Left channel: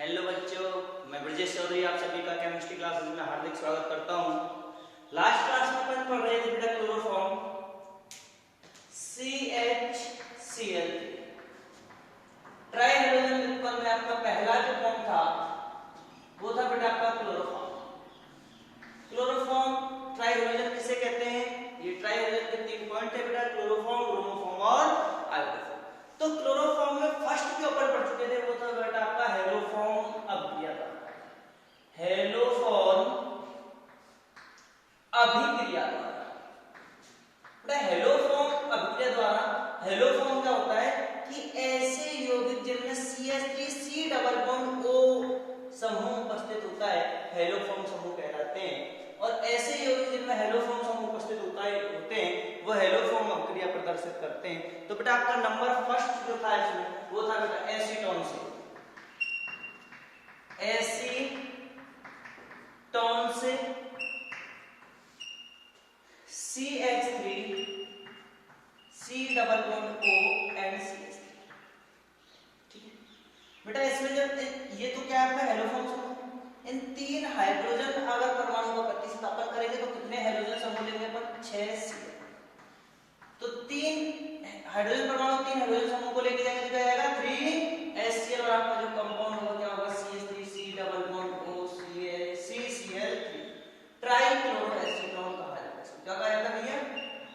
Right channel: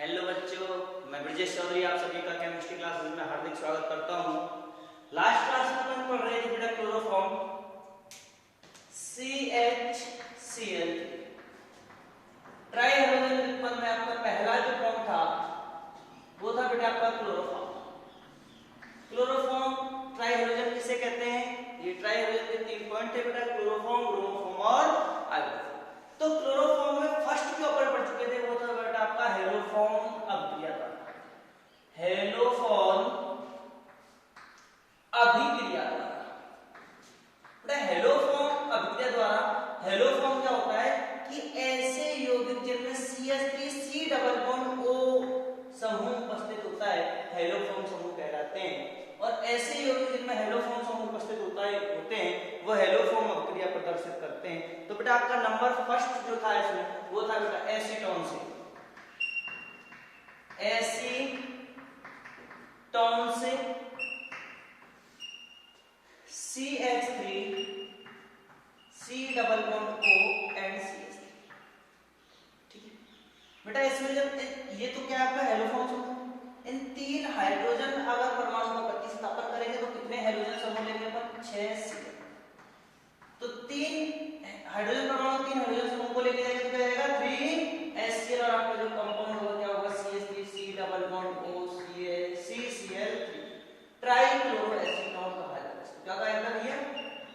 Hello बच्चों, मैं ब्रजेश चौधरी आप सभी का केमिस्ट्री क्लासेस में हार्दिक स्वागत करता हूं। लास्ट क्लास में अपन पढ़ रहे थे बेटा chloroform CHCl। Try hydrogen triple में आपका पहला जो फॉर्म था वो था बेटा आपका क्लोरोफॉर्म। क्लोरोफॉर्म ट्राई हाइड्रोजन किसे कहते हैं? ये ट्राई हाइड्रोजन के 3 पॉइंट है बेटा, क्लोरोफॉर्म, ब्रोमोफॉर्म और आयोडोफॉर्म। तो क्लोरोफॉर्म में फर्स्ट जो अपन पढ़ चुके थे वो था बेटा आपका हेलोफॉर्म अभिक्रिया द्वारा। हेलोफॉर्म अभिक्रिया द्वारा बेटा, हेलोफॉर्म अभिक्रिया द्वारा। हेलोफॉर्म क्या होता है कि ऐसे यौगिक जिनमें CH3C डबल बॉन्ड O समूह उपस्थित होता है हेलोफॉर्म समूह कहलाते हैं। और ऐसे यौगिक जिनमें हेलोफॉर्म समूह उपस्थित होते हैं वो हेलोफॉर्म अभिक्रिया प्रदर्शित करते हैं। तो बेटा आपका नंबर फर्स्ट जो था इसमें वो था बेटा एसीटोन से। एसीटोन से CH3 C double bond O and CH3। ठीक है बेटा, इसमें जब ये तो क्या है आपका हेलोफॉर्म समूह, इन 3 हाइड्रोजन अगर परमाणु का प्रतिस्थापन करेंगे तो कितने हाइड्रोजन समूह लेंगे अपन? 6 Cl। तो 3 हाइड्रोजन परमाणु 3 हाइड्रोजन समूह को लेके जाएंगे तो क्या आएगा 3HCl और आपका जो कंपाउंड होगा क्या होगा CH3C double bond O CCl3। ट्राइक्लोरोएसीटोन कहा जाता है इसको। क्या कहा जाता है भैया?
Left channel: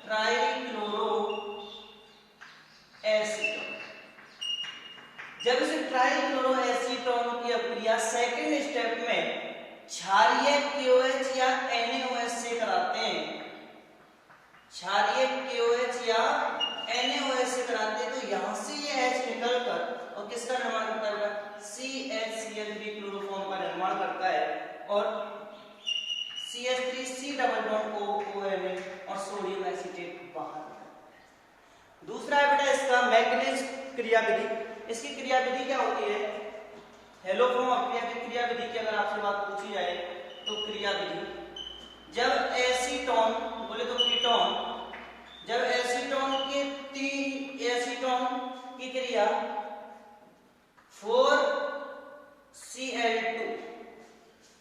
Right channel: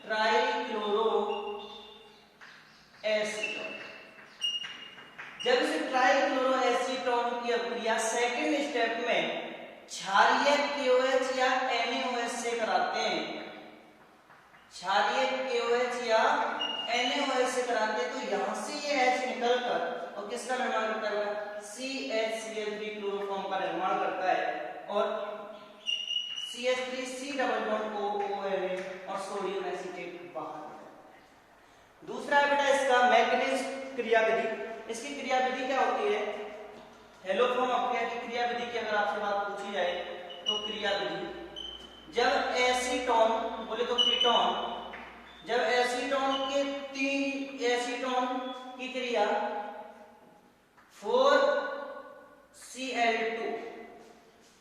ट्राइक्लोरोएसीटोन। जब इसे ट्राइक्लोरोएसीटोन की अभिक्रिया सेकंड स्टेप में क्षारीय KOH या NaOH से कराते हैं, क्षारीय KOH या NaOH से कराते हैं, तो यहां से ये H निकलकर और किसका निर्माण करता है? CHCl3 क्लोरोफॉर्म का निर्माण करता है और CH3C डबल बॉन्ड OONA और सोडियम एसीटेट बाहर निकलता है। दूसरा है बेटा इसका मैग्नीज क्रियाविधि। इसकी क्रियाविधि क्या होती है? हेलोफॉर्म अभिक्रिया की क्रियाविधि की अगर आपसे बात पूछी जाए तो क्रियाविधि, जब एसीटोन बोले तो कीटोन, जब एसीटोन के 3 एसीटोन की क्रिया 4Cl2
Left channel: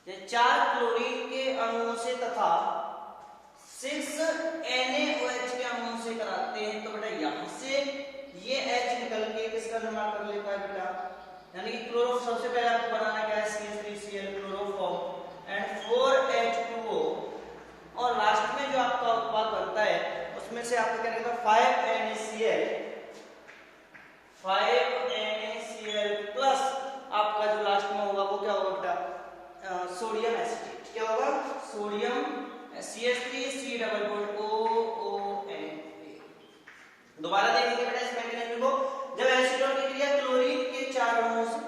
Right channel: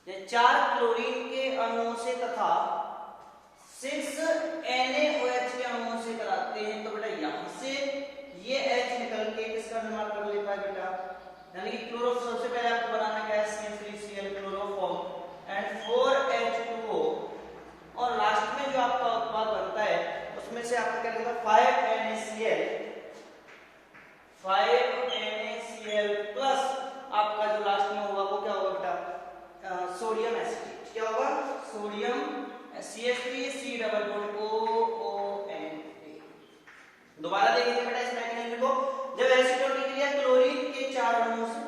या 4 क्लोरीन के अणुओं से तथा 6 NaOH के अणुओं से कराते हैं तो बेटा यहां से ये H निकल के किसका निर्माण कर लेता है बेटा? यानी कि क्लोरो, सबसे पहले आपको बनाना क्या है? CH3Cl क्लोरोफॉर्म एंड 4H2O और लास्ट में जो आपका उत्पाद बनता है उसमें से आपको क्या निकलेगा? 5NaCl प्लस आपका जो लास्ट में होगा वो क्या होगा बेटा? Sodium acetate. क्या होगा? Sodium CH3C double bond OONA। दोबारा देखेंगे बेटा इस मैकेनिज्म को। जब एसीटोन की क्रिया क्लोरीन के 4 अणुओं से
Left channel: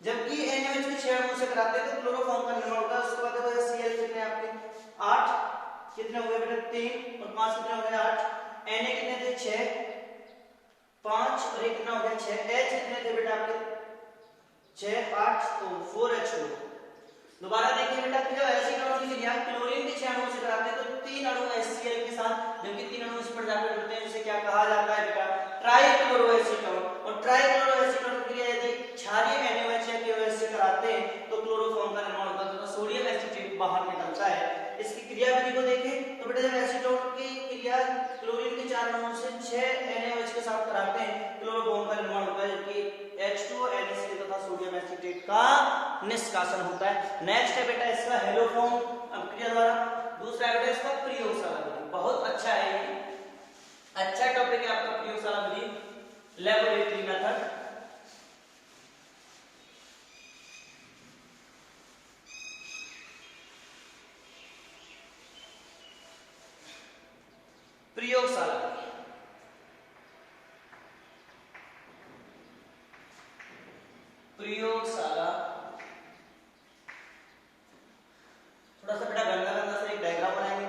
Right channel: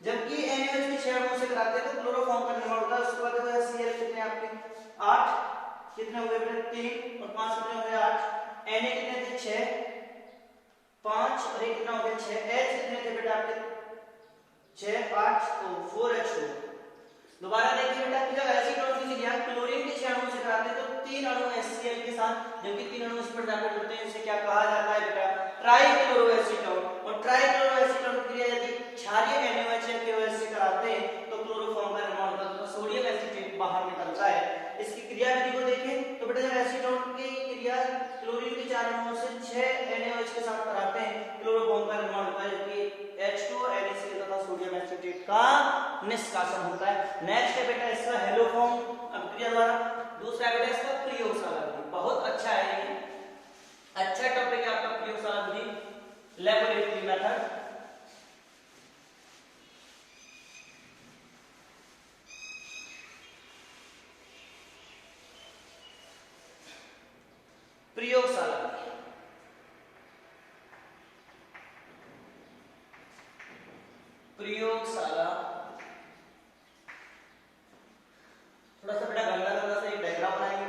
जबकि NaOH के 6 अणुओं से कराते हैं तो क्लोरोफॉर्म का निर्माण होता है। उसके बाद वो Cl कितने आपके 8, कितने हो गए बेटा? 3 और 5 कितने हो गए? 8। Na कितने थे? 6, 5 और 1 कितना हो गया? 6। H कितने थे बेटा आपके? 6, 8 तो 4H2। दोबारा देखिए बेटा, जब एसीटोन की क्रिया क्लोरीन के 6 अणुओं से कराते हैं तो 3 अणु HCl के साथ, जबकि 3 अणु इस पर जाकर जुड़ते हैं, इसे क्या कहा जाता है बेटा? ट्राइक्लोरोएसीटोन। और ट्राइक्लोरोएसीटोन की क्रिया यदि क्षारीय NaOH या KOH से कराते हैं तो क्लोरोफॉर्म का निर्माण होता है तो सोडियम एसीटेट बाहर निकलता है। इसकी क्रियाविधि को देखें तो बेटा जब एसीटोन की क्रिया क्लोरीन के 4 अणुओं से 6 NaOH के साथ कराते हैं क्लोरोफॉर्म का निर्माण होता है, जबकि H2O NaCl तथा सोडियम एसीटेट का निष्कासन होता है। नेक्स्ट है बेटा इसका हेलोफॉर्म अभिक्रिया द्वारा। दूसरा है बेटा इसका प्रयोगशाला विधि। बहुत अच्छा है ये, अच्छा टॉपिक है आपका प्रयोगशाला विधि, लैबोरेटरी मेथड। प्रयोगशाला विधि, प्रयोगशाला। थोड़ा सा बेटा गंदा गंदा से एक डायग्राम बनाएंगे।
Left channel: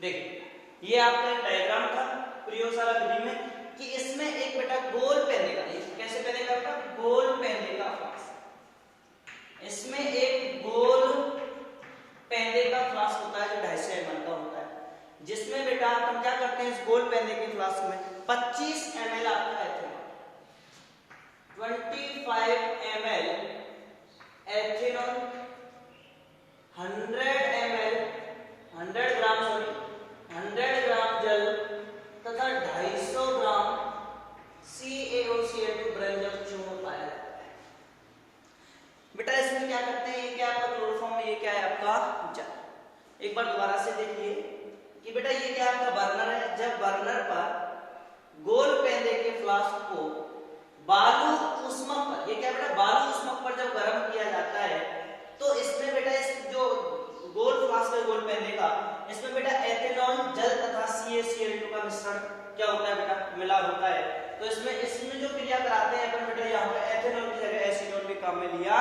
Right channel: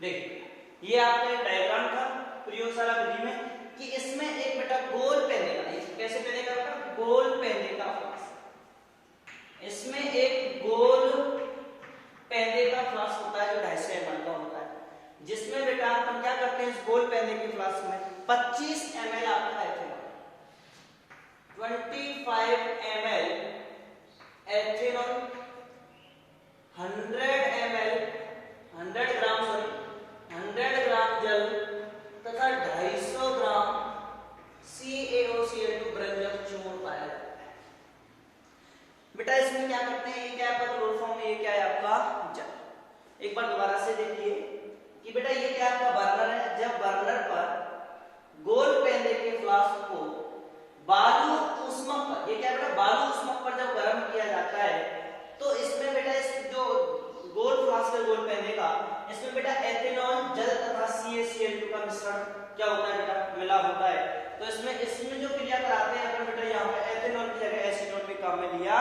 देखिए ये आपका एक डायग्राम था प्रयोगशाला विधि में कि इसमें एक बेटा गोल पेंदे का, कैसे पेंदे का बेटा, गोल पेंदे का फ्लास्क, इसमें एक गोल पेंदे का फ्लास्क होता है जो 250 ml का होता है, जिसमें बेटा हम क्या करते हैं इस गोल पेंदे के फ्लास्क में 25 ml आपका एथेनॉल, 25 ml एथेनॉल, 100 ग्राम जल तथा 250 ग्राम CaOCl2 ब्रंजक चूर्ण पाया जाता है। बेटा इसमें क्या करते हैं, ये क्या है आपका क्लोरोफॉर्म में, ये क्या है आपका जल। एक बार दोबारा से देखिए कि बेटा ये क्या आपका बर्नर है, जब बर्नर पर गोल पेंदे के फ्लास्क को बालू ऊष्मक पर, ये क्या बेटा बालू ऊष्मक पर जब गर्म किया जाता है तो इसमें बेटा इस जो गोल फ्लास्क है गोल पेंदे का, इसमें बेटा एथेनॉल जल तथा CaCl2 का मिश्रण क्या होता है बेटा, मिला होता है। तो इसमें जो क्रिया कराते हैं अपन बेटा यहाँ पे एथेनॉल की जगह एसीटोन भी काम में लिया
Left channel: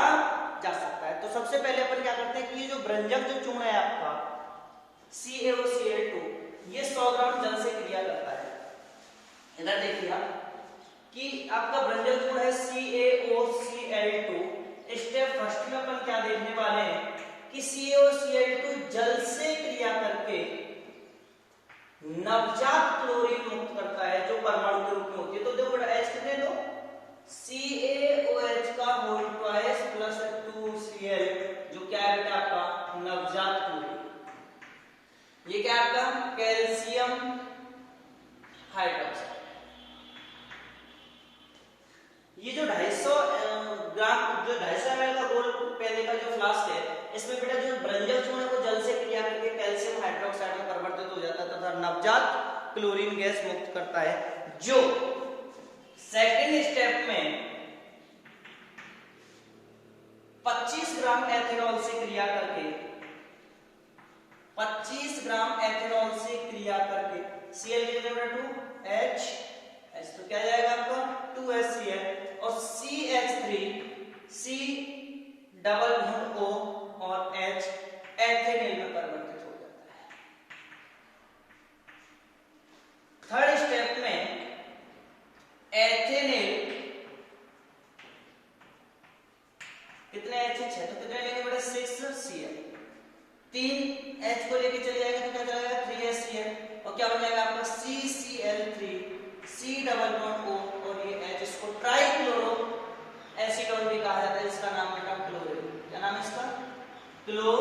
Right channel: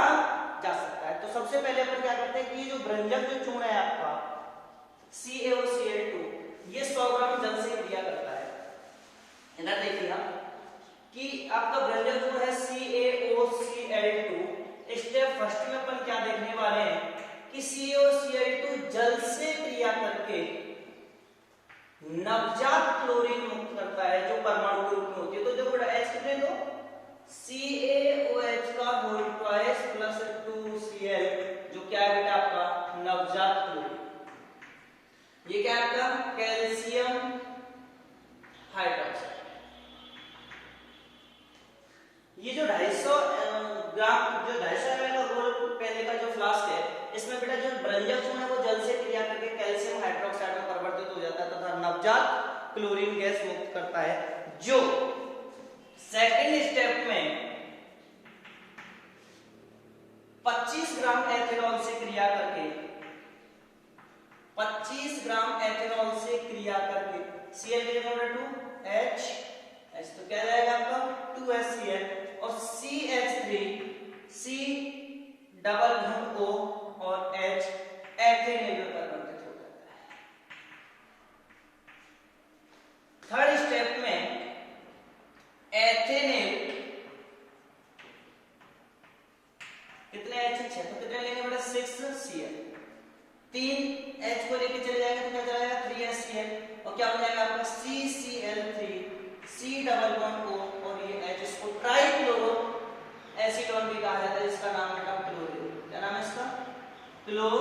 जा सकता है। तो सबसे पहले अपन क्या करते हैं कि ये जो ब्रंजक जो चूर्ण है आपका CaOCl2, ये 100 ग्राम जल से क्रिया करता है। इधर देखिए आप कि आपका ब्रंजक चूर्ण है CaOCl2, स्टेप फर्स्ट में अपन क्या देखने वाले हैं कि CaOCl2 जल से क्रिया करके नवजात क्लोरीन मुक्त करता है जो परमाणु के रूप में होती है। तो देखो H कितने लो, CaOH का होल ट्वाइस प्लस 2Cl, जो क्या है बेटा आपका नवजात क्लोरीन। ये क्या है आपका कैल्शियम हाइड्रोक्साइड। ये जो 250 ग्राम जो 250 ml का गोल पेंदे का जो फ्लास्क है, इसमें बेटा जो ब्रंजक चूर्ण है वो जल से क्रिया करके कैल्शियम हाइड्रोक्साइड में परिवर्तित हो जाता है तथा नवजात क्लोरीन गैस मुक्त करता है, जो सेकेंड स्टेप में 25 ग्राम एथेनॉल से क्रिया करके 25 ग्राम एथेनॉल से क्रिया करके Cl कितना बेटा 2H, H तो क्या जाएगा आपका 2HCl और CH3 C double bond O और H एथेनॉल में परिवर्तित हो जाता है। थर्ड स्टेप में एथेनॉल कितने H 6, तो कितने लेंगे बेटा 6Cl, 3 H को लेके चले जाएंगे तो क्या जाएगा 3HCl और क्या हो जाएगा आपका CCl3 C double bond O और ये H, इसको ट्राइक्लोरो एसीटोन भी कहा जाता है, इसका नाम बेटा क्लोरीन। क्या नाम है इसका, क्लो।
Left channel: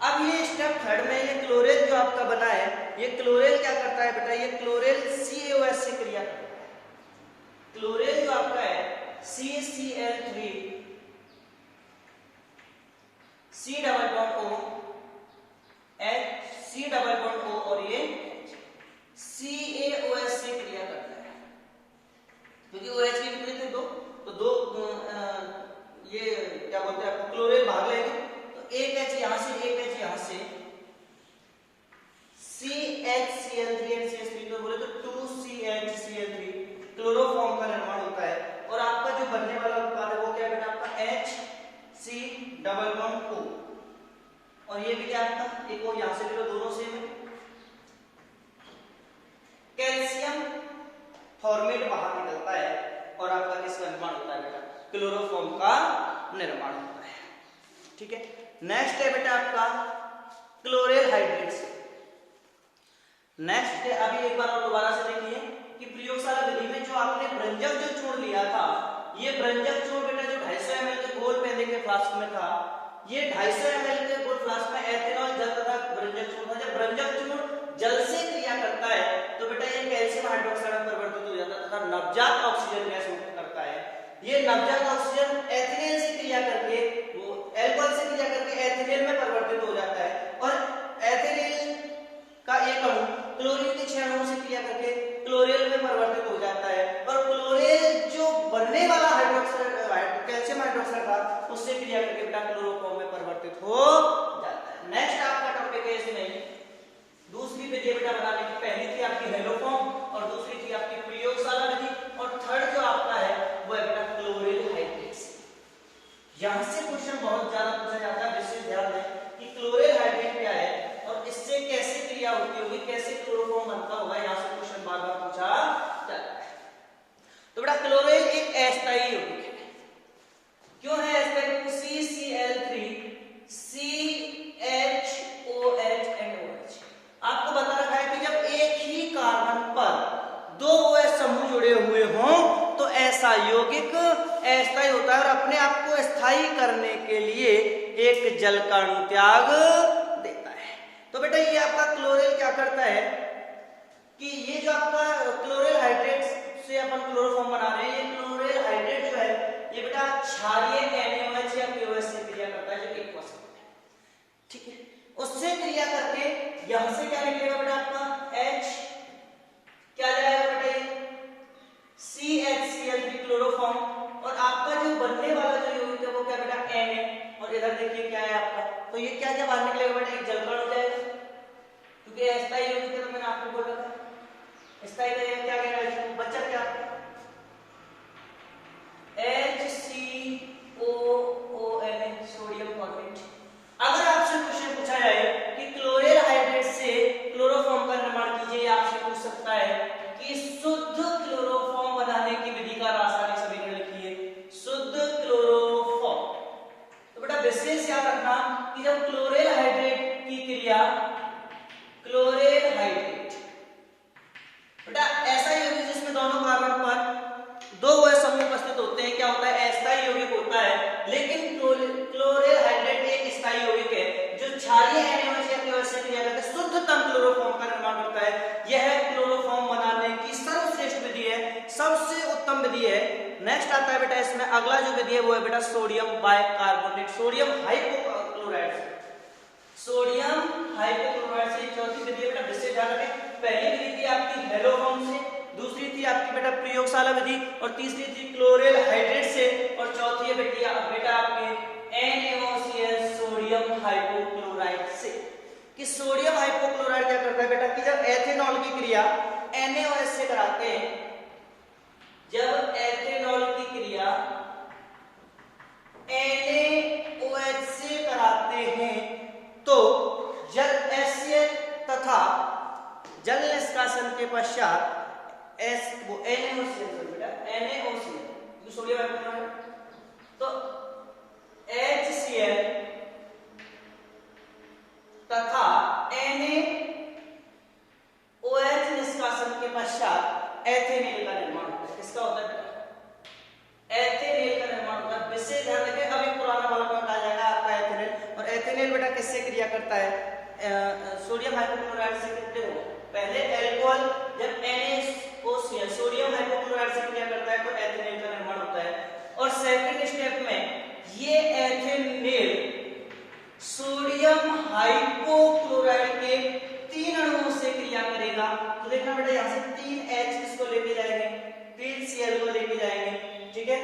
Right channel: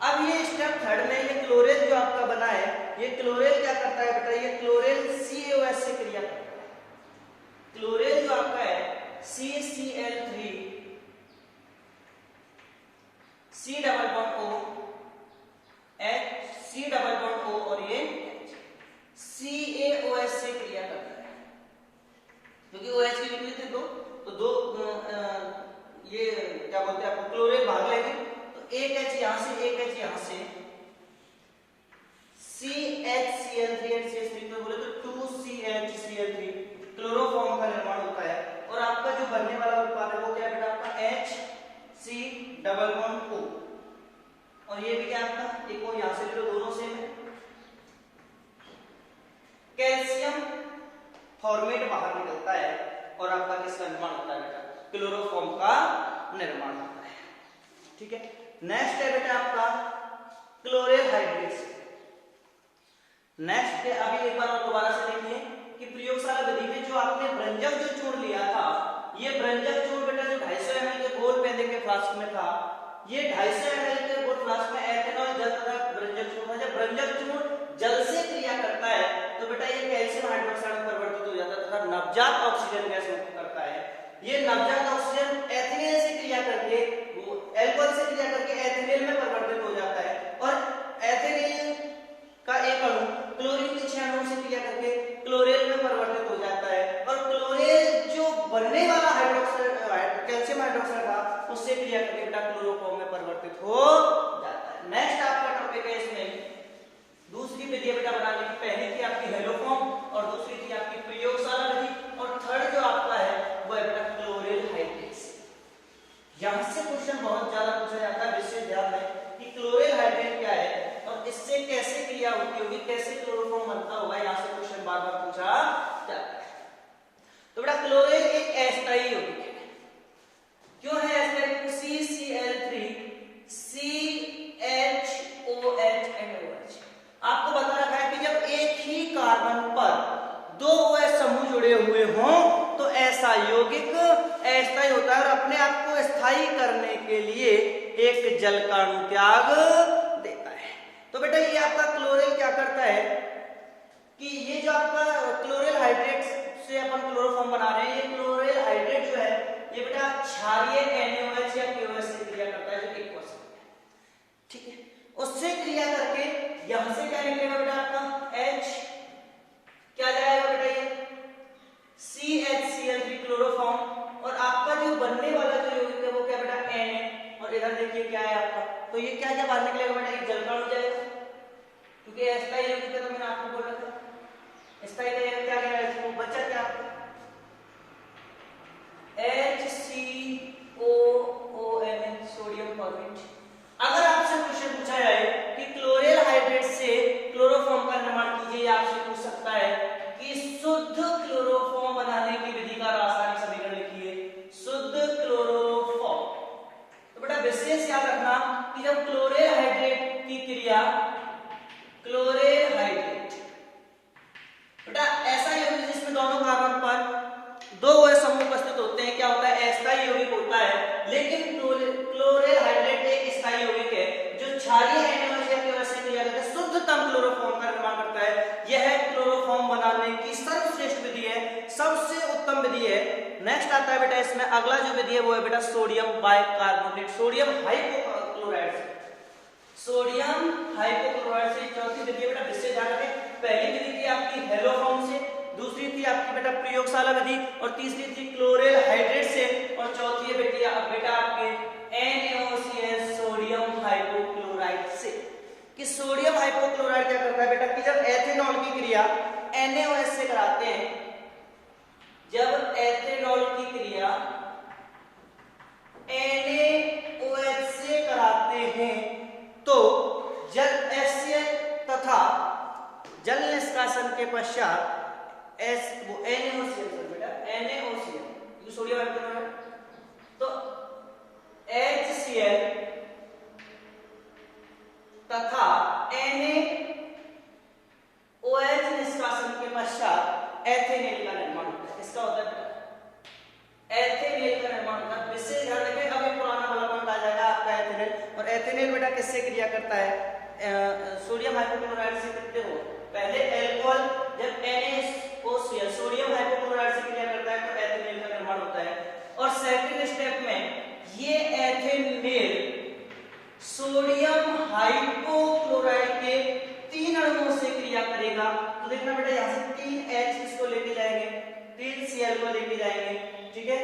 अब ये स्टेप थर्ड में ये क्लोरेल जो आपका बना है, ये क्लोरेल क्या करता है बेटा, ये क्लोरेल CaOH से क्रिया करता है। क्लोरेल जो आपका है CCl3 C double bond O H, C double bond O और ये CaOH से क्रिया करता है, क्योंकि OH के कितने थे दो, तो दो ये क्या बोलते हैं आपको क्लोरीन भाग लेंगे तो एक H यहां से एक H यहां से CHCl3 और CH3 तो बोले तो 2CHCl3 क्लोरोफॉर्म का निर्माण होता है। और आपका जो बनने वाला उत्पाद है वो क्या है बेटा आपका HC डबल बॉन्ड O और ये भी क्या आपका एक और यहां से ले लो, दोनों सेम है। कैल्शियम फॉर्मेट बाहर निकलता है और आपका किसका निर्माण होता है बेटा, क्लोरोफॉर्म का निर्माण होता है। ठीक है, नेक्स्ट है बेटा आपका क्लोरेल हाइड्रेट्स। नेक्स्ट है, अभी एक बार और दोबारा से देखिए कि प्रयोगशाला विधि में जो आपने ब्रंजक जो चूर्ण लिया था, ये ब्रंजक चूर्ण बेटा जो 250 ml के गोल पेंदे के फ्लास्क में था, ये 250 ml के गोल फ्लास्क में एथेनॉल जल तथा ब्रंजक चूर्ण था। जब ब्रंजक चूर्ण जल से क्रिया करता है तो बेटा ये कैल्शियम हाइड्रोक्साइड में परिवर्तित हो जाता है तथा नवजात ऑक्सीजन गैस मुक्त करता है। ये नवजात ऑक्सीजन एथिलीन से क्रिया करके वो एल्कोहल से क्रिया करके एथिलीन में परिवर्तित हो जाता है और एथिलीन का एक अणु क्लोरीन के 6 अणुओं से क्रिया करके क्लोरेल में परिवर्तित हो जाता है और क्लोरेल जो बनने वाला हाइड्रोक्साइड कैल्शियम हाइड्रोक्साइड था उससे क्रिया करके बेटा क्लोरोफॉर्म में परिवर्तित हो जाता है। नेक्स्ट आपका टॉपिक है इसमें दूसरी विधि बेटा बनाने की, पहली थी आपकी हेलोफॉर्म और दूसरी थी आपकी प्रयोगशाला विधि और थर्ड जो आपका है वो है बेटा क्लोरेल हाइड्रेट्स। यहां से क्वेश्चन बहुत ज्यादा पूछा जाता है, विशेष ध्यान दें कि क्लोरेल हाइड्रेट क्या है इससे कैसे क्रिया होती होगी, कैसे क्लोरोफॉर्म बनता होगा, यहाँ से क्वेश्चन बार बार पूछा जाता है। तो बेटा क्लोरीन एक अस्थायी यौगिक है। क्यों है अस्थायी? CCl3 CHOH and OH। आपको बता रखा है कि जब एक ही कार्बन पर दो OH समूह जुड़े हुए हों तो ऐसा यौगिक अस्थायी होता है और अपने आप को स्थायी करने के लिए एक जल का अणु त्याग देता है। तो बेटा ये आपका क्लोरीन क्या करता है कि ये जो आपका क्लोरीन हाइड्रेट से अपन क्लोरोफॉर्म बना रहे हैं, ये क्लोरीन हाइड्रेट जो है ये बेटा क्षारीय NaOH या KOH से क्रिया करता है जो एक्वस है, ठीक है। उससे क्रिया करके यहां से क्या निकलेगा बेटा आपका H, क्या जाएगा बेटा ये CHCl3 क्लोरोफॉर्म, और आपका जो बनने वाला जो यौगिक है वो क्या बेटा Na, और इधर देखिए क्या है आपका, तो ये क्या क्या बाहर निकलेगा बेटा एक जल का अणु जाएगा, क्योंकि अस्थायी यौगिक है तो मैंने आपको बोला था स्थायी का क्या गया इसको बच्चा क्या आपका HCOON सोडियम फॉर्मेट। अगर आपसे क्वेश्चन पूछा जाए कि क्लोरीन हाइड्रेट से क्लोरोफॉर्म का निर्माण कीजिए, या आपसे पूछ सकता है कि शुद्ध क्लोरोफॉर्म बनाने की विधि का रासायनिक समीकरण लिखिए, शुद्ध क्लोरोफॉर्म। तो बेटा विशेष याद रखना कि जब क्लोरीन हाइड्रेट की क्रिया, क्लोरीन हाइड्रेट बेटा ऐसा यौगिक जिसमें दोनों कार्बन पर दो OH समूह उपस्थित होते हैं, क्या होता है अस्थायी यौगिक होता है। लेकिन क्लोरीन हाइड्रेट एक स्थायी यौगिक है जो क्षारीय NaOH या KOH से क्रिया करके शुद्धतम क्लोरोफॉर्म का निर्माण करता है। यह क्लोरोफॉर्म बनाने की सर्वश्रेष्ठ विधि है, सबसे उत्तम विधि है। नेक्स्ट आता है बेटा इसमें अगला जो विधि है वो है बेटा sodium bicarbonate, sodium hypochlorite, sodium hypochlorite से चौथी विधि है बेटा विशेष ध्यान रखें। पहली विधि थी आपकी हेलोफॉर्म से, दूसरी थी आपकी बेटा प्रयोगशाला विधि, और तीसरी थी क्लोरीन हाइड्रेट से, और चौथी है बेटा आपके NaOCl सोडियम हाइपोक्लोराइड से। कि सोडियम हाइपोक्लोराइड क्या करता है बेटा कि जब एथेनॉल की क्रिया NaOH से कराते हैं, जब एथेनॉल की क्रिया NaOH से कराते हैं तो जल HCl तथा जल निष्कासन के पश्चात वो NaOCl बेटा NaOCl सोडियम हाइपोक्लोराइड, तो HCl तथा NaOH निष्कासन के पश्चात एथेनेल का निर्माण होता है। किसका होता है बेटा एथेनेल का निर्माण होता है। विशेष ध्यान रखें, अब एक पुराना वाला पॉइंट आ जाएगा आपका एथेनेल, और एथेनेल बेटा किससे क्रिया करता है सोडियम हाइपोक्लोराइड से। कितने हो पहले एल्कोहल जब NaOCl सोडियम हाइपोक्लोराइड से क्रिया करता है तो एथेनेल का निर्माण होता है, और सेकंड स्टेप में ये एथेनेल सोडियम हाइपोक्लोराइड के 3 अणुओं से क्रिया करेगा। तो देखना बेटा यहाँ से 3H किसको लेके जाएंगे 3Cl को लेके जाएंगे, ठीक है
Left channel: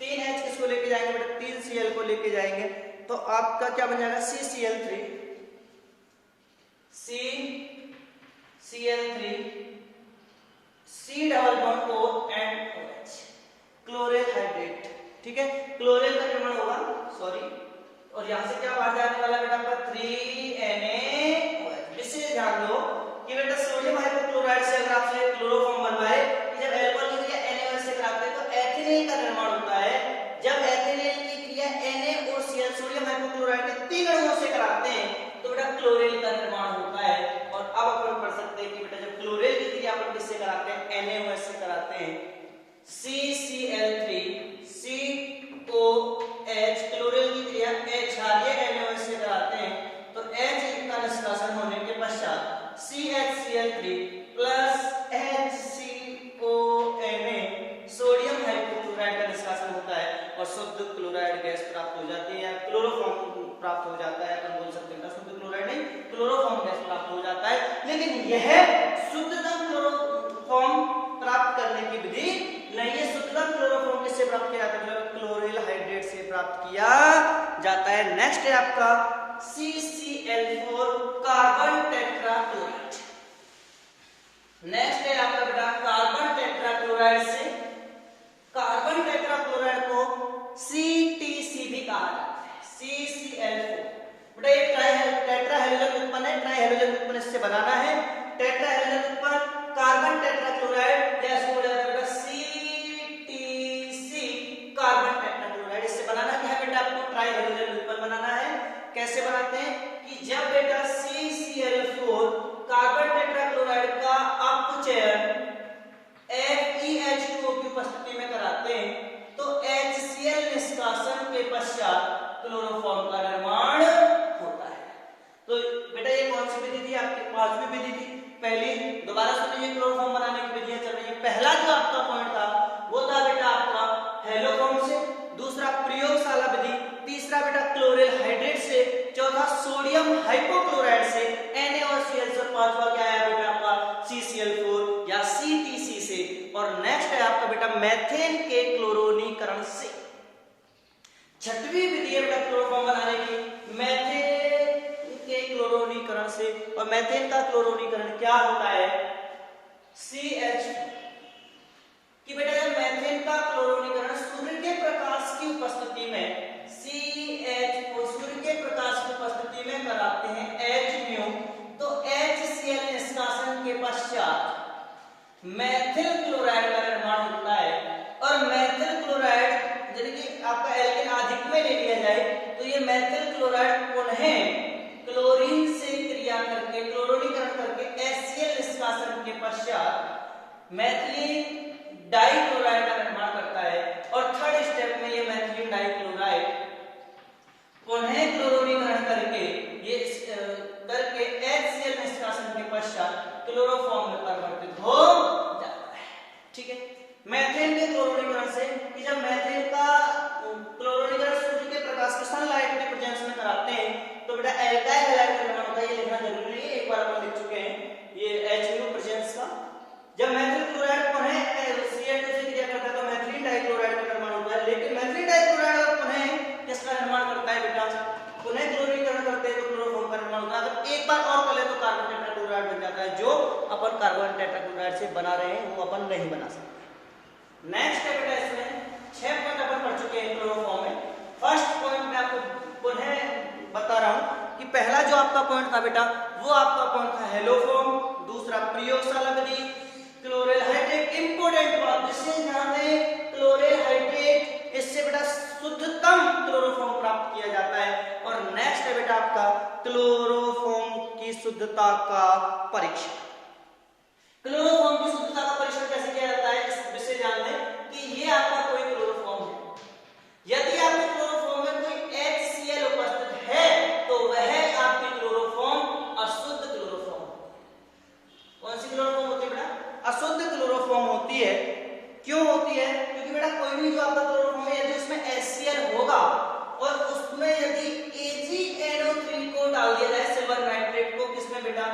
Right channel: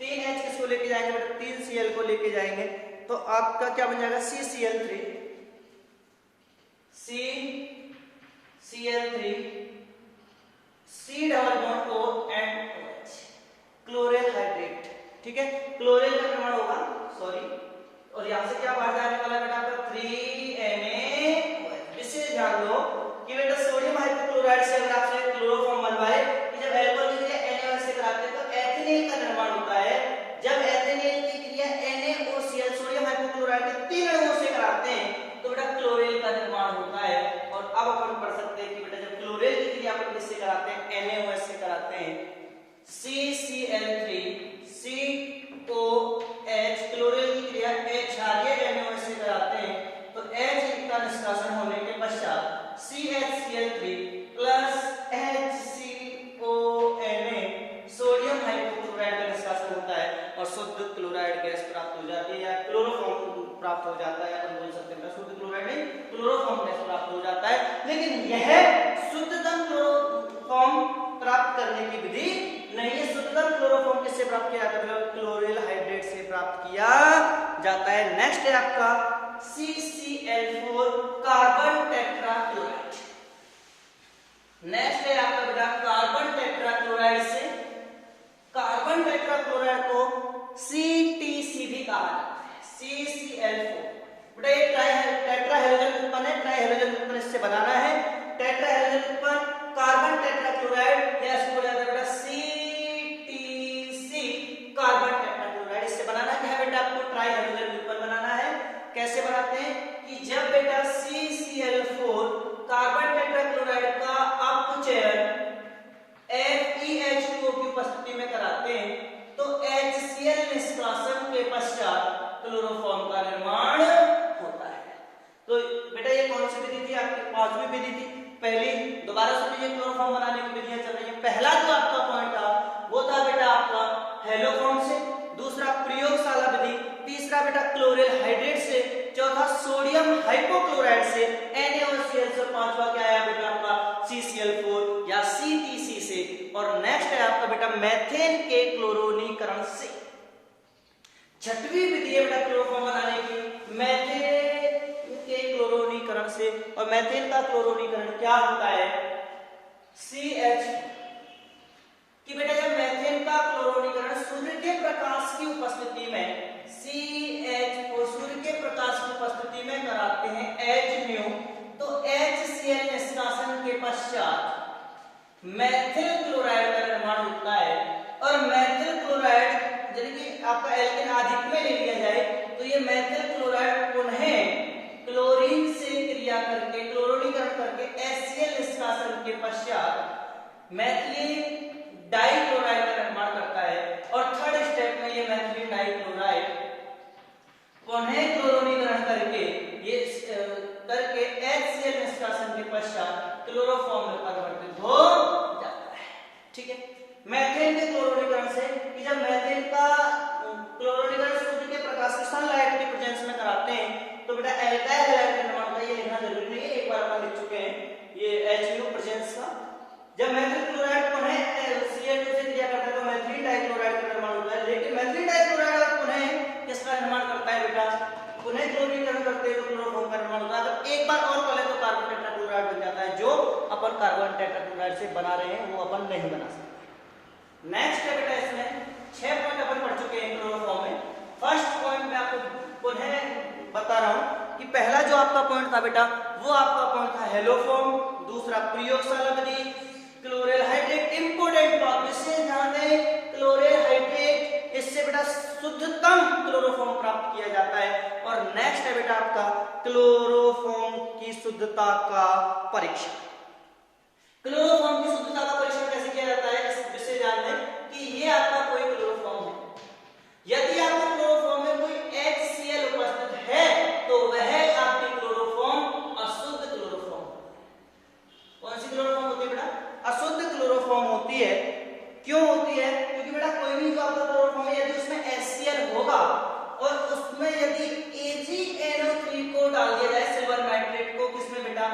3H किसको लेके जाएंगे बेटा 3Cl को लेके जाएंगे, तो आपका क्या बन जाएगा CCl3 C double bond O and OH chlorine hydrate, ठीक है क्लोरीन का निर्माण होगा सॉरी, और यहां से क्या बाहर जाने वाला बेटा आपका 3NaOH। विशेष ध्यान दो कि बेटा सोडियम हाइपोक्लोराइड से अगर आपसे क्लोरोफॉर्म बनवाए कि जब एल्कोहल की क्रिया NaOH से कराते हैं तो एथेनेल का निर्माण होता है। जब एथेनेल की क्रिया NaOCl सोडियम हाइपोक्लोराइड के 3 अणुओं से कराते हैं तो बेटा क्लोरीन का निर्माण होता है। और अब अपन पढ़ सकते हैं कि बेटा जब क्लोरीन की क्रिया अपन किससे कराते हैं NaOH से कराते हैं CCl3 COH क्लोरीन की क्रिया क्षारीय NaOH से कराते हैं तो H का निष्कासन होने के पश्चात CHCl3 plus HCONA sodium hypochloride का निष्कासन होता है और शुद्ध क्लोराइड गैस प्राप्त हो जाती है, या क्लोरोफॉर्म प्राप्त हो जाता है। अपन बोल सकते हैं शुद्ध क्लोराइड नहीं क्लोरोफॉर्म गैस प्राप्त हो जाता है। लेकिन यह शुद्धतम क्लोरोफॉर्म प्राप्त करने की विधि नहीं है। शुद्धतम क्लोरोफॉर्म किससे प्राप्त किया जाता है मतलब क्लोरीन हाइड्रेट से प्राप्त किया जाता है। नेक्स्ट है आपका CCl4 कार्बन टेट्राक्लोराइड। नेक्स्ट है आपका बेटा कार्बन टेट्राक्लोराइड से, कार्बन टेट्राक्लोराइड को CTC भी कहा जाता है CCl4 बेटा ये टेट्रा हेलोजन उत्पन्न है, ट्राई हेलोजन उत्पन्न इससे बनाना है। टेट्रा हेलोजन उत्पन्न कार्बन टेट्राक्लोराइड या इसको बोला जाता है बेटा CTC कार्बन टेट्राक्लोराइड, इससे बनाना क्या है बेटा आपको ट्राई हेलोजन उत्पन्न बनाना है। कैसे बनाते हैं कि जब बेटा CCl4 कार्बन टेट्राक्लोराइड का अपचयन FeH2O की उपस्थिति में कराते हैं तो HCl निष्कासन के पश्चात क्लोरोफॉर्म का निर्माण होता है। तो बेटा ये कौन सी विधि थी आपके पांचवी विधि थी। पहली दोबारा सुन लीजिए, क्लोरोफॉर्म बनाने की विधियां चल रही है। पहला जो आपका पॉइंट था वो था बेटा आपका हेलोफॉर्म से, दूसरा प्रयोगशाला विधि, तीसरा बेटा क्लोरिल हाइड्रेट से, चौथा सोडियम हाइपोक्लोराइड से NaOCl से, पांचवा क्या आया बेटा आपका CCl4 या CTC से, और नेक्स्ट है आपका बेटा मेथेन के क्लोरोनीकरण से। छठवीं विधि है बेटा क्लोरोफॉर्म बनाने की मेथेन के क्लोरोनीकरण से, और मेथेन का क्लोरोनीकरण क्या होता है CH कि बेटा जब मेथेन का क्लोरोनीकरण सूर्य के प्रकाश की उपस्थिति में CH को सूर्य के प्रकाश की उपस्थिति में कराते हैं Hμ, तो HCl निष्कासन के पश्चात मेथिल क्लोराइड का निर्माण होता है। और मेथिल क्लोराइड यानी कि आपका एल्केन अधिक में ले लिया जाए तो ये मेथिल क्लोराइड पुनः क्लोरीन से क्रिया करके क्लोरोनीकरण करके HCl निष्कासन के पश्चात मेथिलीन डाइक्लोराइड का निर्माण करता है। और थर्ड स्टेप में ये मेथिलीन डाइक्लोराइड पुनः क्लोरोनीकरण करके ये करके HCl निष्कासन के पश्चात क्लोरोफॉर्म में परिवर्तित हो जाता है। ठीक है, मेथेन के क्लोरोनीकरण से कि जब मेथेन का क्लोरोनीकरण सूर्य के प्रकाश की सनलाइट के प्रेजेंस में कराते हैं तो बेटा एल्काइल हैलाइड का निर्माण होता है। ये लिखना जरूरी नहीं है, एक बार अपन लिख चुके हैं ये HMU प्रेजेंस का। जब मेथिल क्लोराइड पुनः Cl2 से क्रिया करता है तो मेथिलीन डाइक्लोराइड का निर्माण होता है। लेकिन मेथिलीन डाइक्लोराइड और पुनः किसका निर्माण करता है बेटा पुनः क्लोरीकरण करते हैं तो क्लोरोफॉर्म का निर्माण होता है। अगर एक बार और कर ले तो कार्बन टेट्राक्लोराइड बन जाता है, जो अपन कार्बन टेट्राक्लोराइड से बना रहे हैं वो अपन नहीं बना सकते। नेक्स्ट है बेटा इसमें 6 पॉइंट अपन पढ़ चुके हैं क्लोरोफॉर्म में। फर्स्ट पॉइंट मैं आपको पुनः बता रहा हूं कि पहला जो आपका पॉइंट था बेटा वो आपका पॉइंट था हेलोफॉर्म, दूसरा प्रयोगशाला विधि, क्लोरिल हाइड्रेट। इंपोर्टेंट बात विशेष ध्यान दें, क्लोरिल हाइड्रेट इससे बेटा शुद्धतम क्लोरोफॉर्म प्राप्त किया जाता है। और नेक्स्ट है बेटा आपका क्लोरोफॉर्म की शुद्धता का परीक्षण। क्लोरोफॉर्म की शुद्धता का परीक्षण कैसे किया जाता है इस विषय जान लें कि ये आपका कोई क्लोरोफॉर्म है। यदि आपके क्लोरोफॉर्म में कोई HCl उपस्थित है तो वह आपकी क्लोरोफॉर्म अशुद्ध क्लोरोफॉर्म। कौन सी क्लोरोफॉर्म होती है बेटा अशुद्ध क्लोरोफॉर्म होती है। क्यों होती है? क्योंकि बेटा कोई भी जो आपका क्लोरोफॉर्म है यदि उसमें HCl होगा और उसमें यदि AgNO3 को डाल दिया जाए सिल्वर नाइट्रेट को किसमें बेटा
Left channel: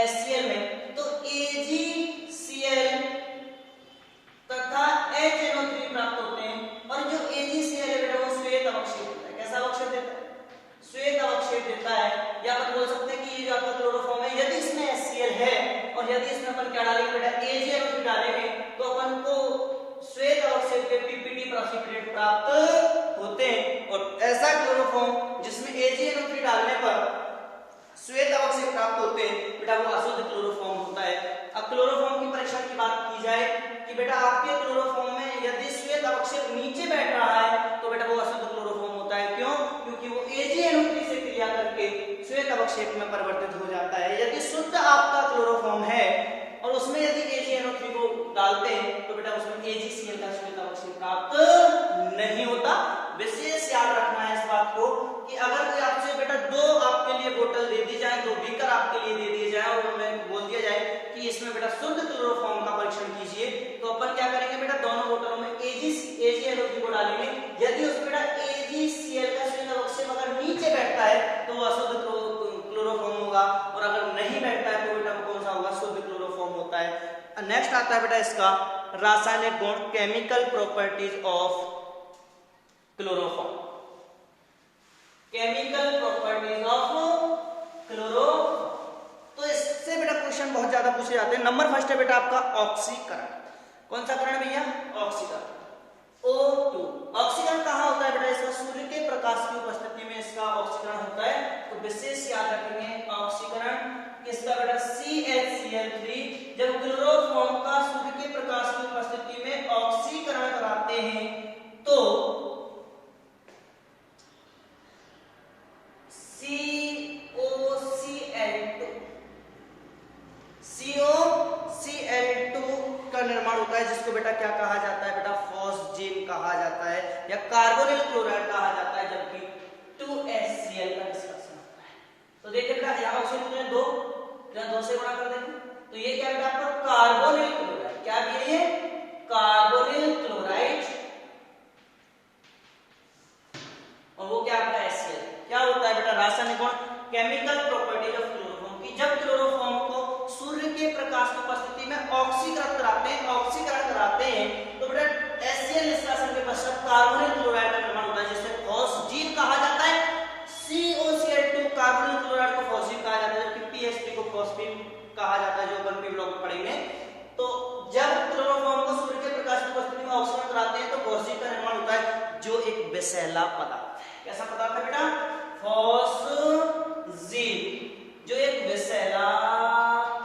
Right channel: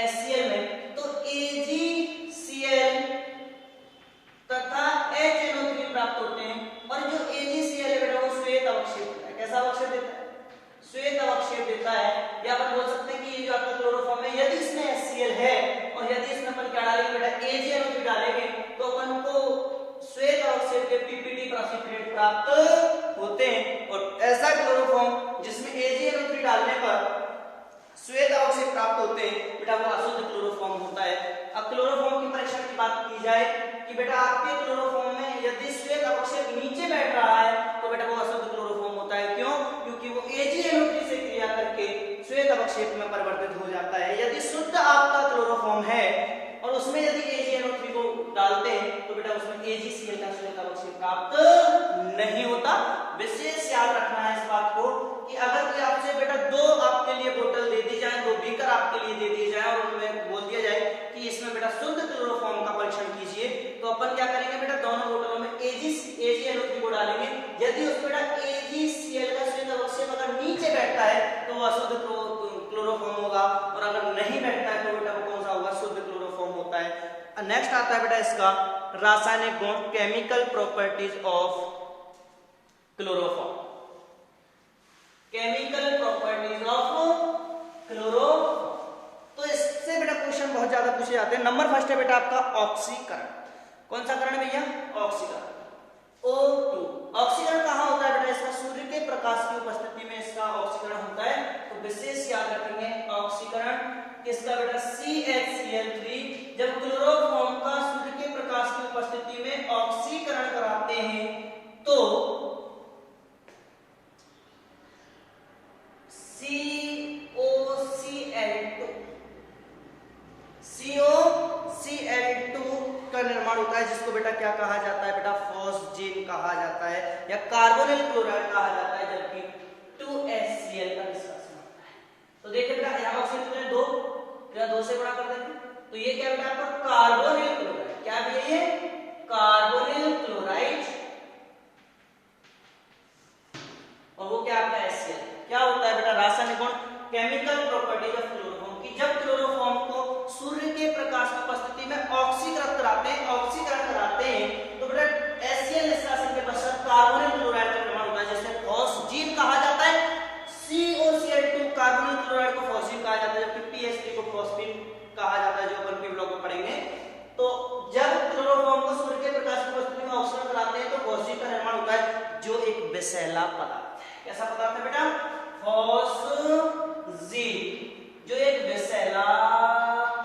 HCl में, तो AgCl तथा HNO3 प्राप्त होते हैं। और जो AgCl है बेटा वो श्वेत अवक्षेप देता है। कैसा अवक्षेप देता है? श्वेत अवक्षेप देता है। या अपन बोल सकते हैं कि ये जो आपका क्लोरोफॉर्म है यदि इसमें HCl है और यदि इसमें अपन क्या डालेंगे बेटा AgNO3 डालेंगे तो अपन को श्वेत अवक्षेप के PPT प्रेसिपिटेट प्राप्त होते हैं। और ऐसा क्लोरोफॉर्म जिसमें AgNO3 डालने पर श्वेत अवक्षेप प्राप्त होते हैं बेटा वो अशुद्ध क्लोरोफॉर्म होता है। अब क्लोरोफॉर्म की परीक्षण की बात की जाए कि बेटा आपके क्लोरोफॉर्म में यदि श्वेत अवक्षेप नीचे बैठ रहा है तो बेटा वो अशुद्ध क्लोरोफॉर्म होता है। क्यों? क्योंकि वो AgNO3 से क्रिया करके श्वेत अवक्षेप में परिवर्तित हो जाता है। यदि शुद्ध आपका क्लोरोफॉर्म है और उसमें यदि AgNO3 को डालते हैं तो बेटा उसमें AgCl का श्वेत अवक्षेप प्राप्त नहीं होता। विशेष याद रखना है इस बात को कि अगर कोई आपसे बेटा 2 आपके लिए बोतल दे दी जाए, 2 बीकर आपके लिए दे दिए जाए और उनमें बोल दिया जाए कि इसमें बेटा शुद्ध क्लोरोफॉर्म का परीक्षण कीजिए, तो अपन क्या करेंगे बेटा दोनों बोतलों में AgNO3 को डालेंगे। यदि उसमें बेटा AgCl का श्वेत अवक्षेप अगर नीचे बैठता है तो वो अशुद्ध क्लोरोफॉर्म होगा, और अगर नहीं बैठता है तो बेटा वो कौन सा होगा? शुद्ध क्लोरोफॉर्म होता है। नेक्स्ट आता है बेटा इसका रासायनिक गुण, chemical properties of chloroform. Chemical properties of chloroform, तो इससे बेटा क्वेश्चन बहुत ज्यादा पूछे जाते हैं। नंबर फर्स्ट है बेटा आपका ऑक्सीकरण। कौन सा करण भैया? ऑक्सीकरण। O2 ऑक्सीकरण कहाँ होता है बेटा इसका? सूर्य के प्रकाश की उपस्थिति में इसका ऑक्सीकरण होता है। तो तो विशेष याद रखेंगे ऑक्सीकरण किसका बेटा CHCl3 जब क्लोरोफॉर्म का सूर्य के प्रकाश की उपस्थिति में ऑक्सीकरण कराते हैं तो COCl2 का निर्माण होता है जिसको बेटा क्या कहा जाता है बेटा फॉस्जीन कहा जाता है या कार्बोनिल क्लोराइड कहा जाता है जबकि 2HCl का डिस्कशन होता है। तो देखिए बेटा यहाँ ऑक्सीजन में 2 से गुणा कर देंगे तो ये क्या बेटा आपका कार्बोनिल क्लोराइड क्या भी है ये कार्बोनिल क्लोराइड और वो क्या आपका HCl क्या होता है बेटा रासायनिक गुण केमिकल प्रॉपर्टीज ऑफ क्लोरोफॉर्म की जब क्लोरोफॉर्म को सूर्य के प्रकाश की उपस्थिति में ऑक्सीकरण कराते हैं तो बेटा HCl निष्कासन के पश्चात कार्बोनिल क्लोराइड का निर्माण होता है जिसे फॉस्जीन कहा जाता है। COCl2 कार्बोनिल क्लोराइड को फॉस्जीन कहा जाता है जबकि PHP को फॉस्फीन कहा जाता है जो अपन पी ब्लॉक में पढ़ेंगे। तो जब क्लोरोफॉर्म को सूर्य के प्रकाश की उपस्थिति में ऑक्सीकरण कराते हैं तो फॉस्जीन का निर्माण होता है जो एक विषैला पदार्थ है। कैसा पदार्थ है बेटा फॉस्जीन जो एक विषैला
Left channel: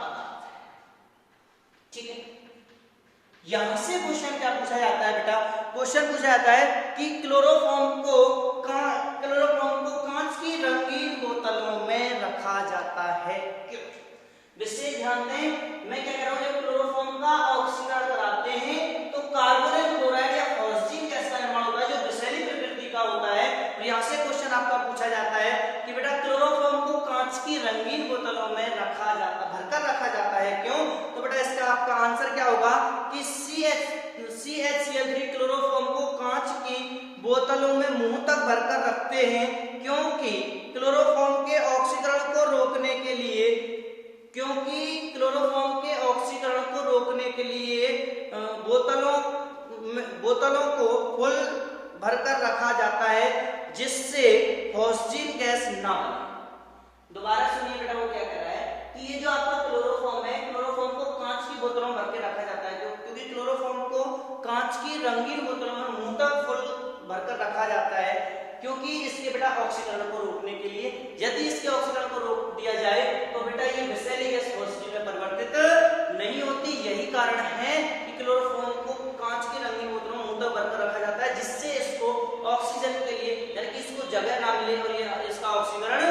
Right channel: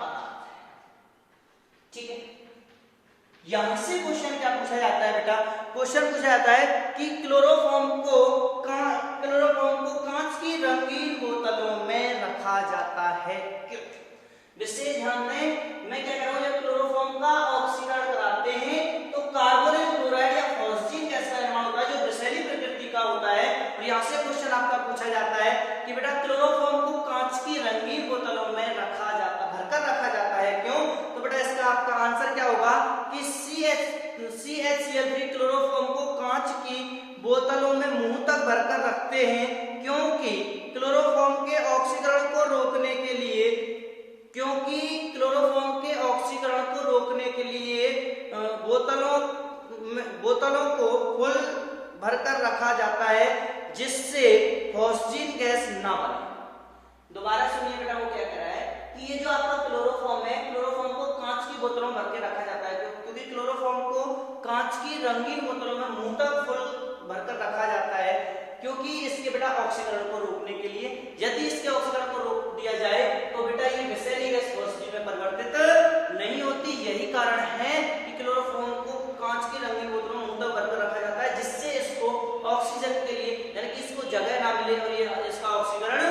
पदार्थ है। ठीक है यहां से क्वेश्चन क्या पूछा जाता है बेटा क्वेश्चन पूछा जाता है कि क्लोरोफॉर्म को कांच की रंगीन बोतलों में रखा जाता है क्यों। विशेष ध्यान दें मैं क्या कर रहा हूं जब क्लोरोफॉर्म का ऑक्सीकरण कराते हैं तो कार्बोनिल क्लोराइड या फॉस्जीन गैस का निर्माण होता है जो विषैली प्रकृति का होता है। और यहां से क्वेश्चन आपका पूछा जाता है कि बेटा क्लोरोफॉर्म को कांच की रंगीन बोतलों में भरकर रखा जाता है क्यों। तो बेटा इसका आपका आंसर क्या होगा कि CHCl3 क्लोरोफॉर्म को कांच की बोतलों में मुंह तक भरकर रखते हैं क्योंकि क्लोरोफॉर्म के ऑक्सीकरण को रोकने के लिए बोतलों को फुल भरकर रखा जाता है जिससे फॉस्जीन गैस ना बने। दोबारा सुनिए बेटा वो क्या कह रहा है कि ये जो आपका क्लोरोफॉर्म है क्लोरोफॉर्म को कांच की बोतलों में भर के रखा जाता है क्योंकि क्लोरोफॉर्म को कांच की रंगीन बोतलों में मुंह तक फुल भरकर रखा जाता है क्योंकि इसके बेटा ऑक्सीकरण को रोकने के लिए यदि इसके ऑक्सीकरण को रोक दिया जाए तो बेटा ये विषैली गैस फॉस्जीन में परिवर्तित नहीं होती। यही कारण है कि क्लोरोफॉर्म को कांच की रंगीन बोतलों में मुंह तक भरकर रखा जाता है जिससे इसको ऑक्सीजन के लिए यानी कि इसको जगह ना मिले और ये इसका ऑक्सीकरण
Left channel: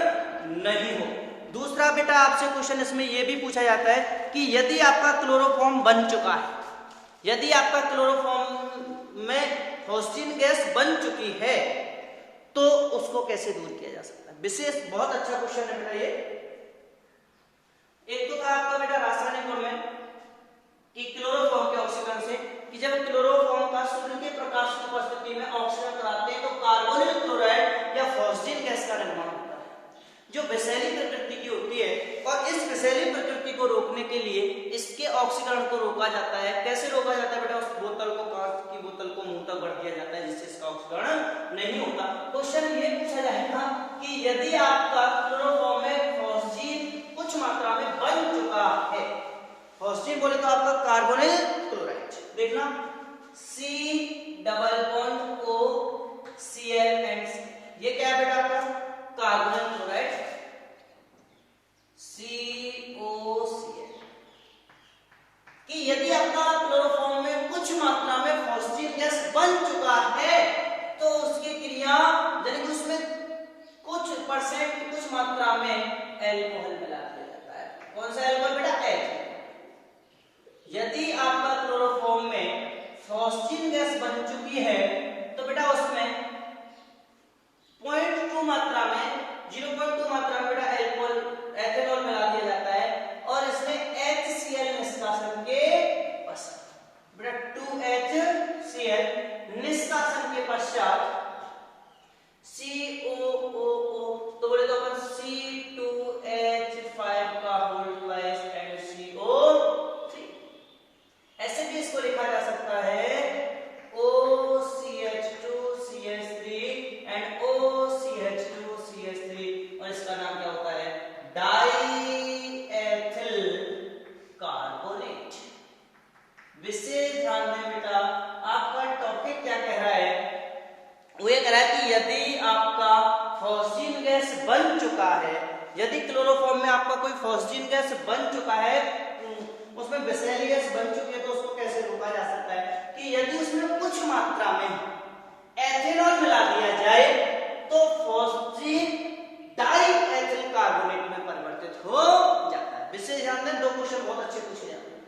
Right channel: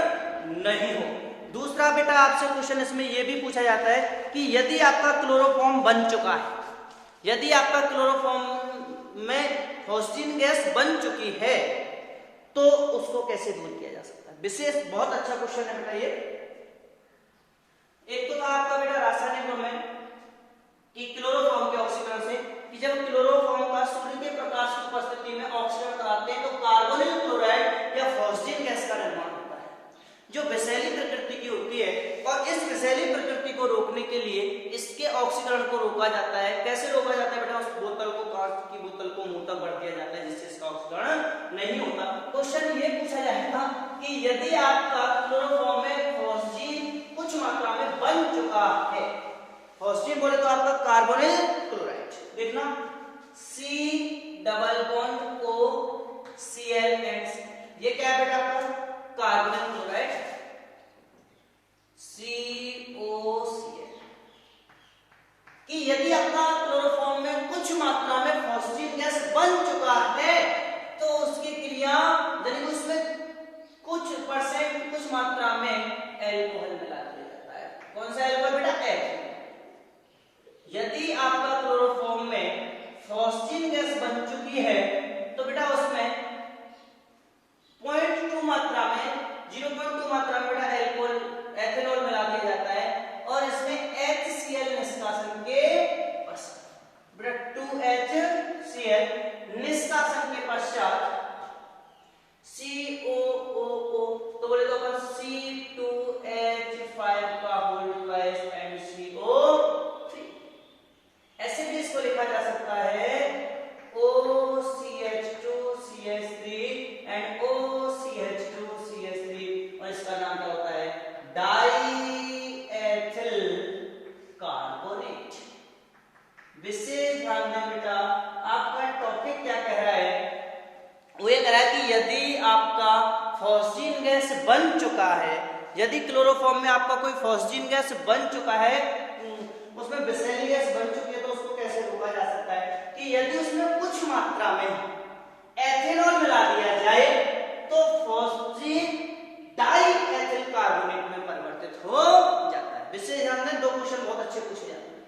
नहीं हो। दूसरा बेटा आपसे क्वेश्चन इसमें यह भी पूछा जाता है कि यदि आपका क्लोरोफॉर्म बन चुका है यदि आपका क्लोरोफॉर्म में फॉस्जीन गैस बन चुकी है तो उसको कैसे दूर किया जा सकता है। विशेष बहुत अच्छा क्वेश्चन है बेटा ये। एक तो था आपका बेटा रासायनिक गुण में कि क्लोरोफॉर्म के ऑक्सीकरण से कि जब क्लोरोफॉर्म का सूर्य के प्रकाश की उपस्थिति में ऑक्सीकरण कराते हैं तो कार्बोनिल क्लोराइड या फॉस्जीन गैस का निर्माण होता है जो विषैली प्रकृति की होती है और इस विषैली प्रकृति को रोकने के लिए इसके ऑक्सीकरण को रोका जाता है। कैसे रोका जाता है बेटा उस बोतल को कांच की बोतल को मुंह तक भर दिया जाता है जिससे इसका ऑक्सीकरण नहीं होता। क्वेश्चन ये पूछा जाएगा कि यदि आपका क्लोरोफॉर्म में फॉस्जीन कुछ मात्रा में बन चुका है फॉस्जीन बोले तो आपका कार्बोनिल क्लोराइड देखना C+O ये क्या है बेटा आपका कार्बोनिल क्लोराइड COCl कि यदि आपका क्लोरोफॉर्म में कुछ मात्रा में फॉस्जीन गैस बन चुका है तो उसकी क्रिया यानी कि उसमें कुछ मात्रा में एल्कोहल मिला दिया जाता है। कौन सा एल्कोहल बेटा H। यदि आपका क्लोरोफॉर्म में फॉस्जीन गैस बन चुकी है तो बेटा उसमें 0.2 मात्रा में 0.2 मात्रा में बेटा एथेनॉल मिला दिया जाता है और इसमें HCl निष्कासन के पश्चात बेटा 2HCl निष्कासन के पश्चात COOO तो बोले तो अपन C2H5 का होल ट्वाइस एंड CO3 ऐसे भी इसको लिखा जा सकता है OCH2CH3 एंड OCH2CH3 और इसका नाम क्या होता है डाईएथिल कार्बोनेट। विशेष ध्यान दें बेटा आपका टॉपिक क्या कह रहा है वो ये कह रहा है कि यदि आपका फॉस्जीन गैस बन चुका है, यदि क्लोरोफॉर्म में आपका कोई फॉस्जीन गैस बन चुका है, उसमें विषैली गैस बन चुकी है, तो उसको कैसे रोका जा सकता है कि यदि उसमें कुछ मात्रा में एथेनॉल मिला दिया जाए तो फॉस्जीन डाई एथिल कार्बोनेट में परिवर्तित हो जाता है। विशेष ध्यान दें, दो क्वेश्चन बहुत अच्छे पूछे जाते हैं।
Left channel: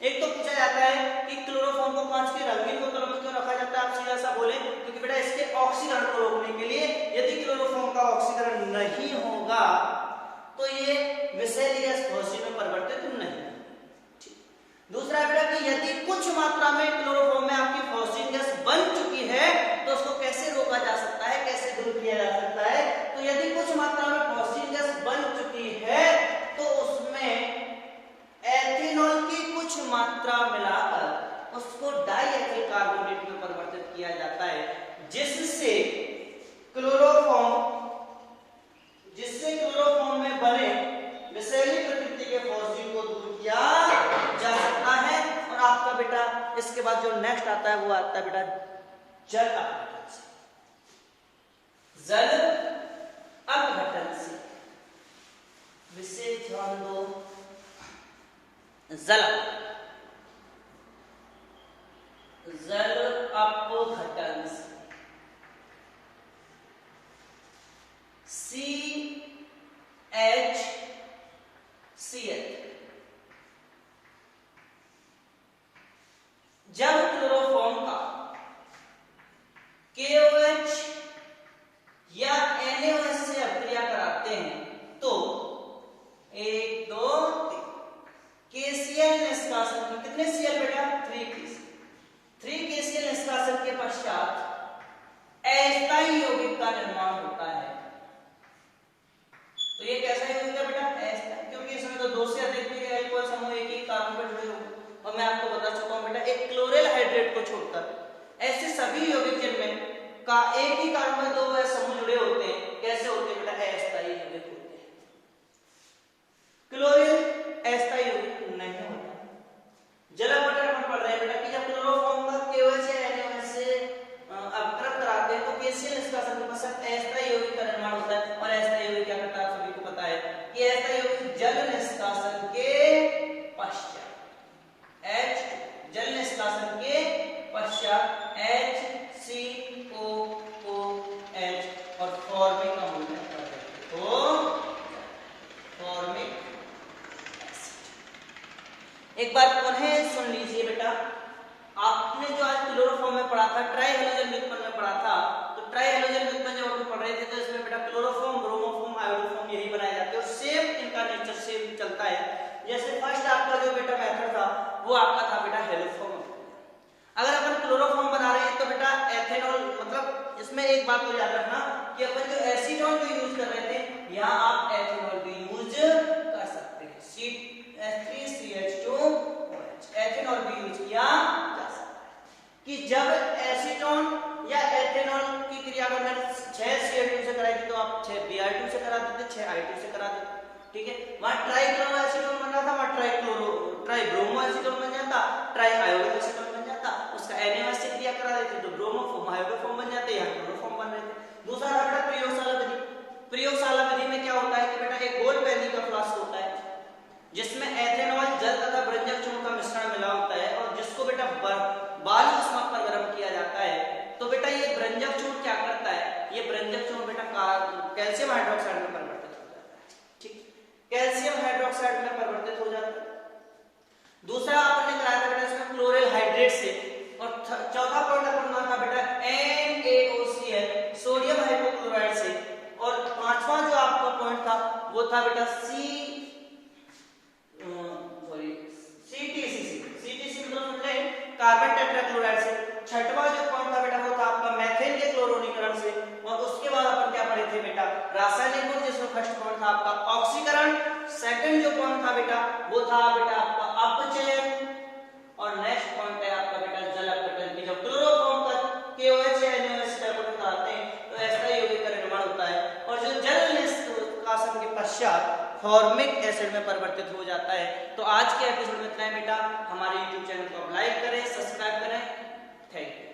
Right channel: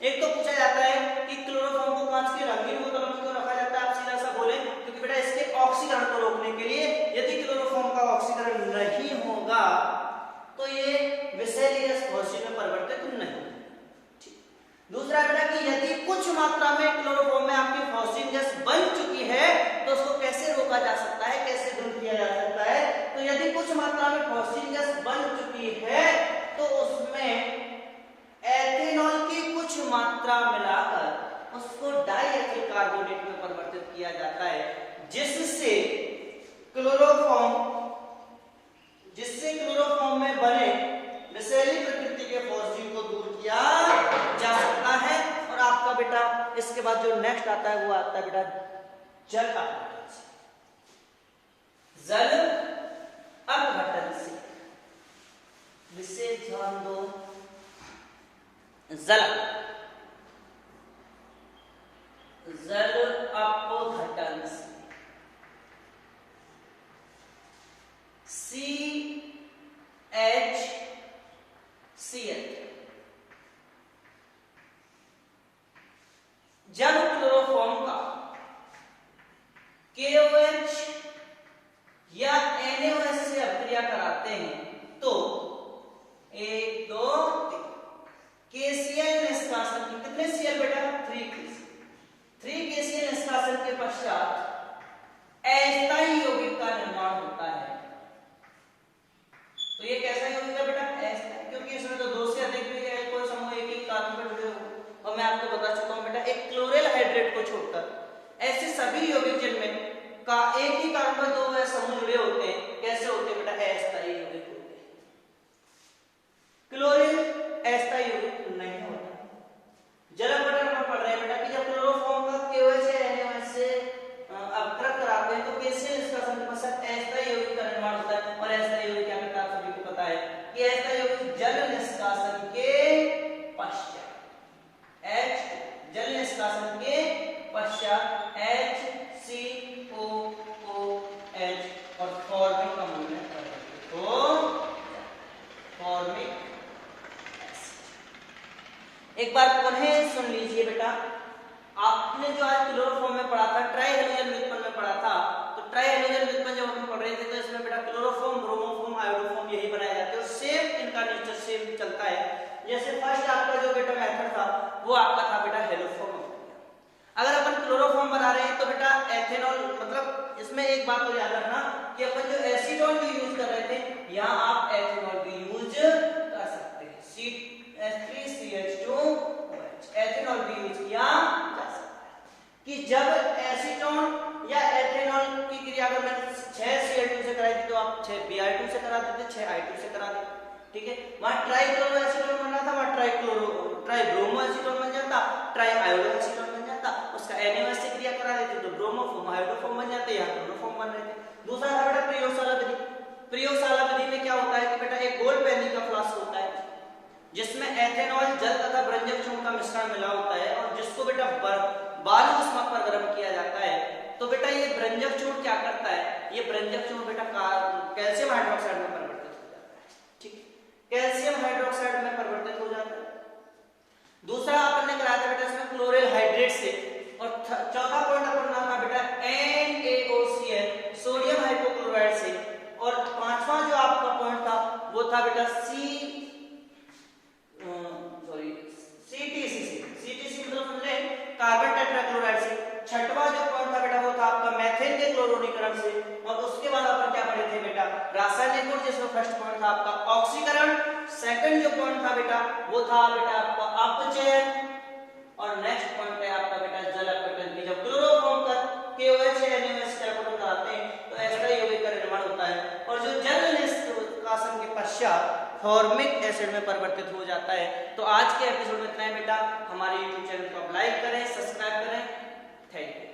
एक तो पूछा जाता है कि क्लोरोफॉर्म को कांच की रंगीन बोतलों में क्यों रखा जाता है, आप सीधा ऐसा बोले क्योंकि बेटा इसके ऑक्सीकरण को रोकने के लिए, यदि क्लोरोफॉर्म का ऑक्सीकरण नहीं होगा तो ये विषैली गैस फॉस्जीन में परिवर्तित नहीं। दूसरा बेटा कि यदि कुछ मात्रा में क्लोरोफॉर्म में आपकी फॉस्जीन गैस बन चुकी है तो उसको कैसे रोका जा सकता है, कैसे दूर किया जा सकता है। तो यदि कुछ मात्रा में फॉस्जीन गैस बन चुकी है तो उसमें एथेनॉल की कुछ मात्रा मिलाकर उसको डाई एथिल कार्बोनेट में परिवर्तित किया जाता है, जिससे क्लोरोफॉर्म में बने विषैली प्रकृति के फॉस्जीन को दूर किया जा सकता है। और आपका बेटा इसके बाद जो नेक्स्ट आता है वो आता है बेटा जल अपघटन से। जल अपघटन से विशेष ध्यान दो, जल अपघटन से CHCl, जब क्लोरोफॉर्म का KOH या NaOH से अभिक्रिया कराते हैं तो 1 2 3 KCl निष्कासन की, कितने Cl बेटा 3 KCl निष्कासन के पश्चात अस्थायी यौगिक का निर्माण होता है। तो ये कैसा यौगिक है बेटा, अस्थायी, क्योंकि इसमें तो दो से अधिक भी है, कोई समूह एक ही कार्बन पर जुड़े हुए। और मैं आपको बता चुका हूं बेटा, एक क्लोरेल हाइड्रेट को छोड़कर ऐसे सभी यौगिक जिनमें का एक ही कार्बन पर दो समूह जुड़े होते हैं, कैसे होते हैं बेटा, अस्थायी यौगिक होते हैं। क्लोरीन अस्थायी यौगिक नहीं होता। जल अपघटन पर पढ़ रहे हैं बेटा कि जब क्लोरोफॉर्म का KOH या NaOH से अपघटन कराते हैं तो KCl निष्कासन के पश्चात अस्थायी यौगिक का निर्माण होता है। और अस्थायी यौगिक क्या करता है, आप सभी को पता है कि अस्थायी यौगिक जल निष्कासन के पश्चात जल निष्कासन के पश्चात HCOOH और फॉर्मिक अम्ल में परिवर्तित हो फॉर्मिक एसिड। एक बार पुनः सुन लीजिए बेटा, आपने जो आज क्लोरोफॉर्म में पढ़ा था, ट्राई हेलोजन व्युत्पन्न में पढ़ा था, तो ट्राई हेलोजन व्युत्पन्न जब हम पढ़ रहे थे तो इसमें बेटा क्लोरोफॉर्म, ब्रोमोफॉर्म, आयोडोफॉर्म यही बनाए जाते हैं और सेम इनका नेचर सेम चलता है। जैसे फर्स्ट आपका जो बेटा मेथड था वो आपका था बेटा हेलोफॉर्म। अगर अपन क्लोरोफॉर्म बना रहे हैं तो बेटा एथेनॉल, मतलब इसमें एक बात तो याद रखना कि अपन जो एसीटोन जो यूज कर रहे थे यहाँ आप एथेनॉल भी यूज कर सकते हैं, CH3CH2OH एथेनॉल भी यूज किया जा सकता है। कि जब एसीटोन या एथेनॉल की क्रिया अगर मैं 6Cl2 से कराई थी तो आप 6Br2 से करा देते, 6I2 से करा देते, ठीक है। वहां ट्राइक्लोरो एसीटोन बन रहा था, वहां ट्राइब्रोमो एसीटोन बन जाता, ट्राई आयोडो एसीटोन बन जाता, उसका NaOH से क्रिया करा देते तो ब्रोमोफॉर्म आयोडोफॉर्म बन जाते, यहाँ क्लोरोफॉर्म बन रहे थे। दूसरा था बेटा प्रयोगशाला विधि। प्रयोगशाला विधि में क्या होता है कि बेटा एक गोल पैनी का फ्लास्क होता है जिसमें एथेनॉल, जल तथा ब्रंजक चूर्ण का मिश्रण मिला होता है और जिसको बेटा बालू उष्मा पर गर्म किया जाता है। तो बेटा ये ब्रंजक चूर्ण क्या करता है, ये ब्रंजक चूर्ण बेटा कैल्शियम हाइड्रोक्साइड में परिवर्तित हो जाता है, ठीक, कैल्शियम हाइड्रोक्साइड में परिवर्तित हो जाता है। दूसरा अपन ने कराया था बेटा इसमें क्लोरेल हाइड्रेट से, और चौथा पॉइंट अपन नाम था बेटा NaOCl सोडियम हाइपोक्लोराइड से, और पांचवा जो आपका पॉइंट था वो था बेटा CTC मतलब कार्बन टेट्राक्लोराइड से। छठवां जो पॉइंट था बेटा वो था आपका मेथिल के क्लोरीकरण से। और उसके बाद अपन क्या पढ़े थे बेटा, रासायनिक गुण, जिसमें फर्स्ट पॉइंट था आपका ऑक्सीकरण, सेकंड जो पॉइंट था बेटा वो था बेटा आपका अपचयन, और नेक्स्ट पॉइंट है आपका बेटा जल अपघटन की। जब क्लोरोफॉर्म का KOH या NaOH से अपघटन कराते हैं तो अस्थायी यौगिक का निर्माण होता है, और जो जल निष्कासन के पश्चात फॉर्मिक एसिड में परिवर्तित हो जाता है। तो आज के एपिसोड में इतना है बेटा। हमारे YouTube चैनल को आप लाइक करें, सब्सक्राइब करें। Thank you.